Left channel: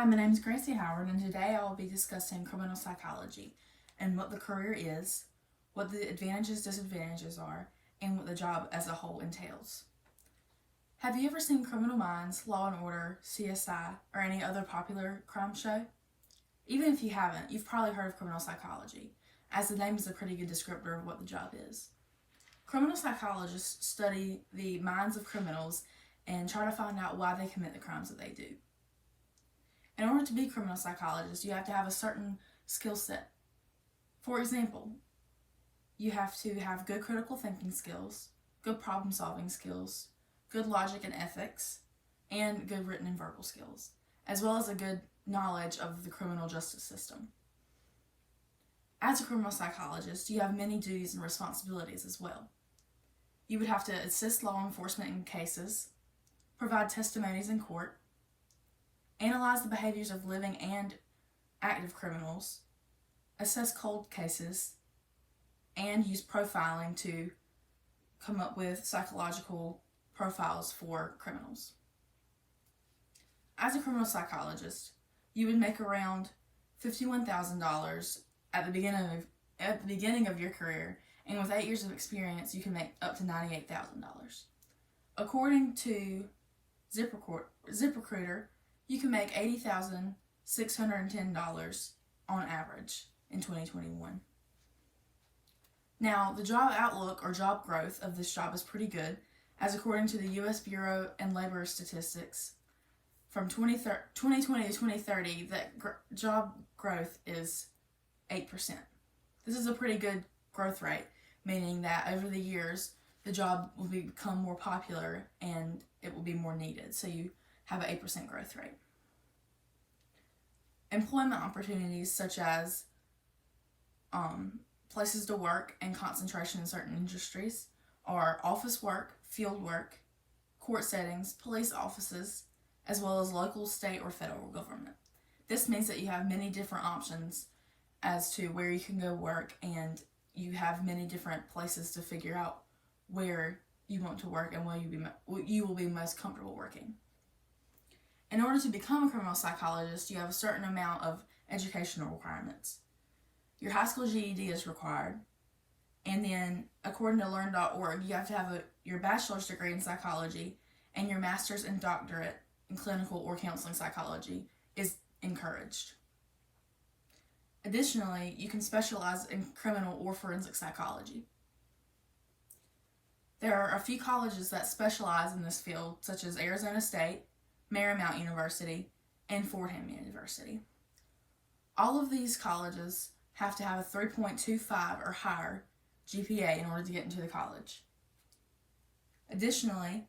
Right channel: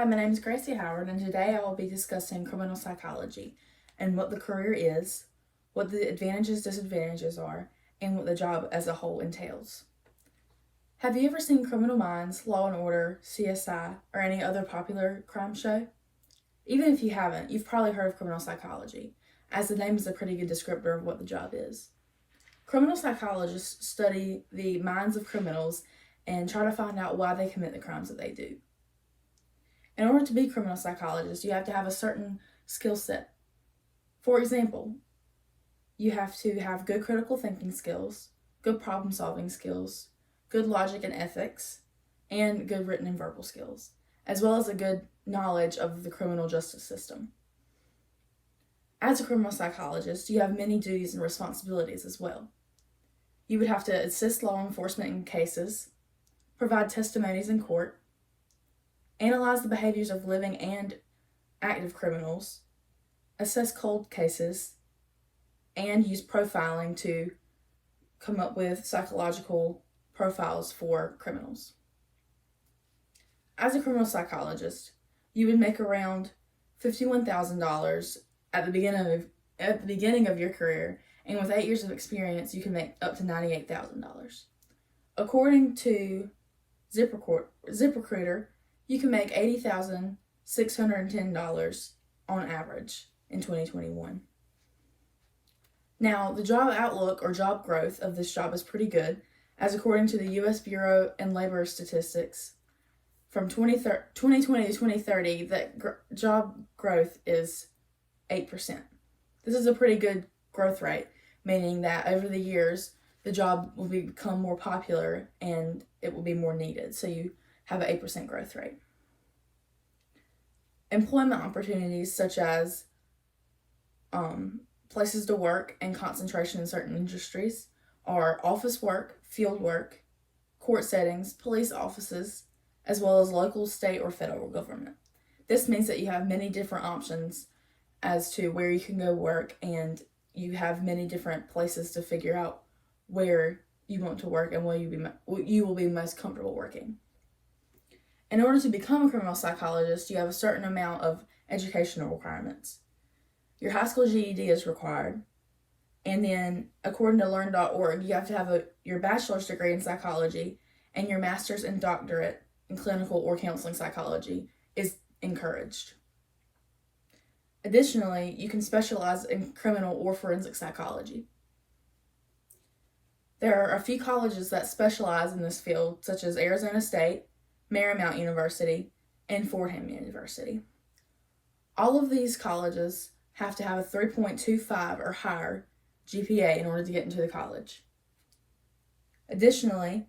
Hi, my name is Gracie Howard, and today I will be discussing criminal psychology and what the career is, what the advantages, disadvantages are, and what the job as a whole entails. Have you ever seen Criminal Minds, Law and Order, CSI, or any other popular crime show? Even if you haven't, you've probably heard of criminal psychology, as the name is a pretty good descriptor of what the job is. Criminal psychologists study the minds of criminals and try to find out why they commit the crimes that they do. In order to be a criminal psychologist, you have to have a certain skill set. For example, you have to have good critical thinking skills, good problem solving skills, good logic and ethics, and good written and verbal skills, as well as a good knowledge of the criminal justice system. As a criminal psychologist, you have many duties and responsibilities as well. You would have to assist law enforcement in cases, provide testimonies in court, analyze the behaviors of living and active criminals, assess cold cases, and use profiling to come up with psychological profiles for criminals. As a criminal psychologist, you would make around $51,000 at the beginning of your career, and with 8 years of experience, you can make up to $98,000. According to ZipRecruiter, you can make $80,610 on average in 2021. Now, the job outlook or job growth of this job is pretty good, as according to the U.S. Bureau of Labor Statistics, from 2020 to 2030, that job growth is 8%. This is a pretty good growth rate, meaning that over the years, the job will become more popular and it will be more needed. So you have an 8% growth rate. Employment opportunities such as places to work and concentration in certain industries are office work, field work, court settings, police offices, as well as local, state, or federal government. This means that you have many different options as to where you can go work, and you have many different places to figure out where you want to work and where you will be most comfortable working. In order to become a criminal psychologist, you have a certain amount of educational requirements. Your high school GED is required, and then according to learn.org, you have to have your bachelor's degree in psychology, and your master's and doctorate in clinical or counseling psychology is encouraged. Additionally, you can specialize in criminal or forensic psychology. There are a few colleges that specialize in this field, such as Arizona State, Marymount University, and Fordham University. All of these colleges have to have a 3.25 or higher GPA in order to get into the college. Additionally,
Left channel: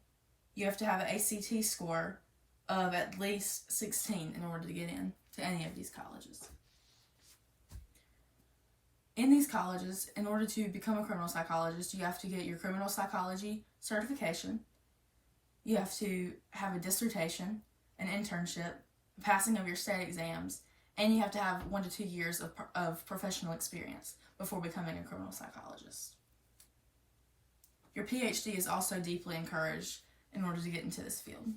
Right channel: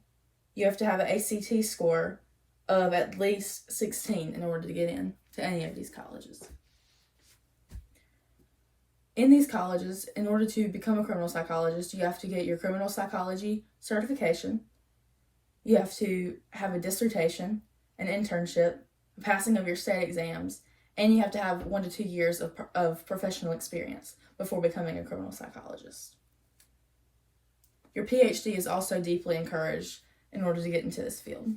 you have to have an ACT score of at least 16 in order to get in to any of these colleges. In these colleges, in order to become a criminal psychologist, you have to get your criminal psychology certification. You have to have a dissertation, an internship, a passing of your state exams, and you have to have 1 to 2 years of professional experience before becoming a criminal psychologist. Your PhD is also deeply encouraged in order to get into this field.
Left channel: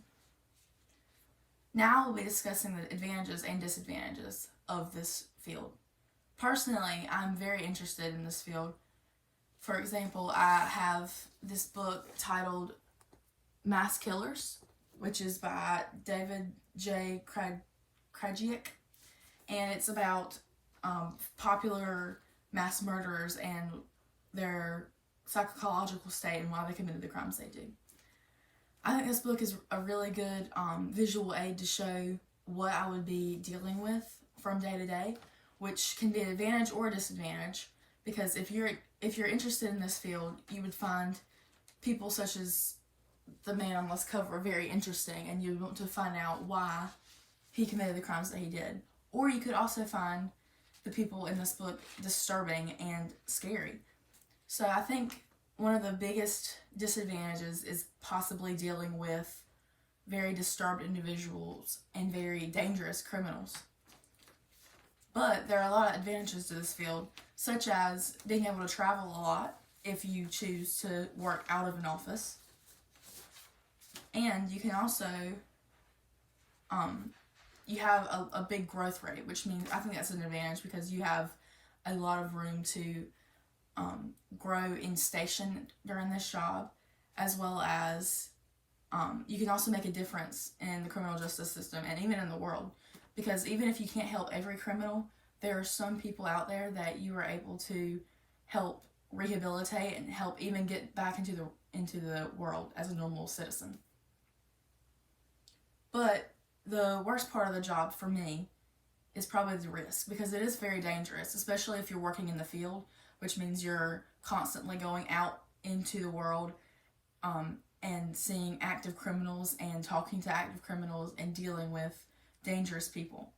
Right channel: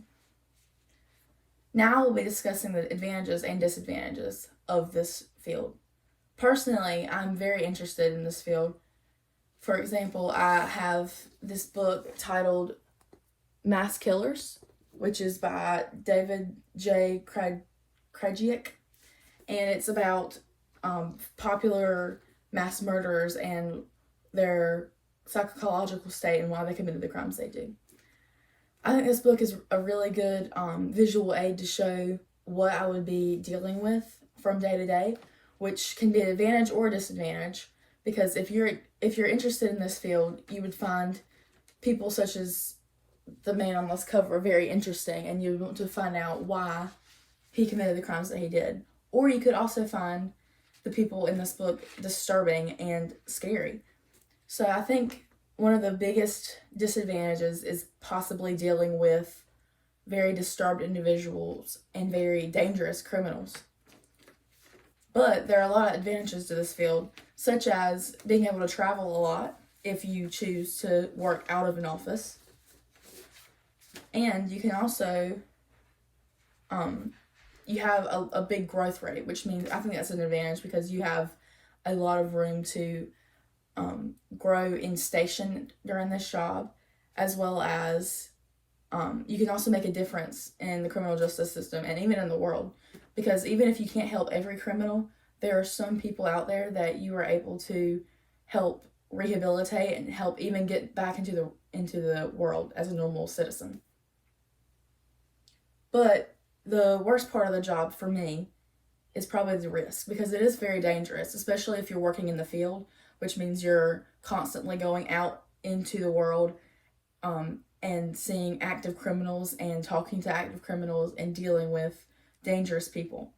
Now we'll be discussing the advantages and disadvantages of this field. Personally, I'm very interested in this field. For example, I have this book titled Mass Killers, which is by David J. Krajicek, and it's about popular mass murderers and their psychological state and why they committed the crimes they do. I think this book is a really good visual aid to show what I would be dealing with from day to day, which can be an advantage or a disadvantage, because if you're interested in this field, you would find people such as the man on this cover very interesting, and you want to find out why he committed the crimes that he did. Or you could also find the people in this book disturbing and scary. So I think one of the biggest disadvantages is possibly dealing with very disturbed individuals and very dangerous criminals. But there are a lot of advantages to this field, such as being able to travel a lot if you choose to work out of an office. And you can also you have a big growth rate, which means I think that's an advantage because you have a lot of room to grow in station during this job, as well as you can also make a difference in the criminal justice system and even in the world, because even if you can't help every criminal, there are some people out there that you are able to help rehabilitate and help even get back into the world as a normal citizen. But the worst part of the job for me is probably the risk, because it is very dangerous, especially if you're working in the field, which means you're constantly going out into the world and seeing active criminals and talking to active criminals and dealing with dangerous people.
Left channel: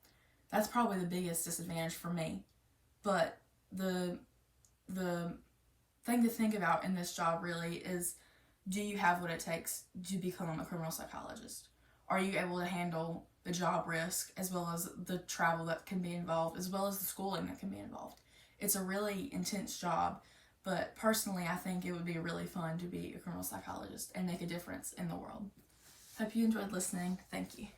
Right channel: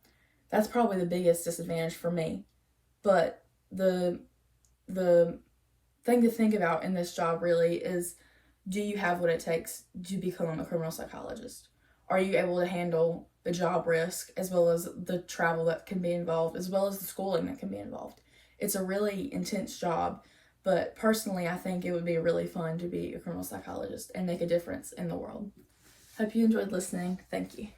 That's probably the biggest disadvantage for me. But the thing to think about in this job really is, do you have what it takes to become a criminal psychologist? Are you able to handle the job risk, as well as the travel that can be involved, as well as the schooling that can be involved? It's a really intense job, but personally, I think it would be really fun to be a criminal psychologist and make a difference in the world. Hope you enjoyed listening. Thank you.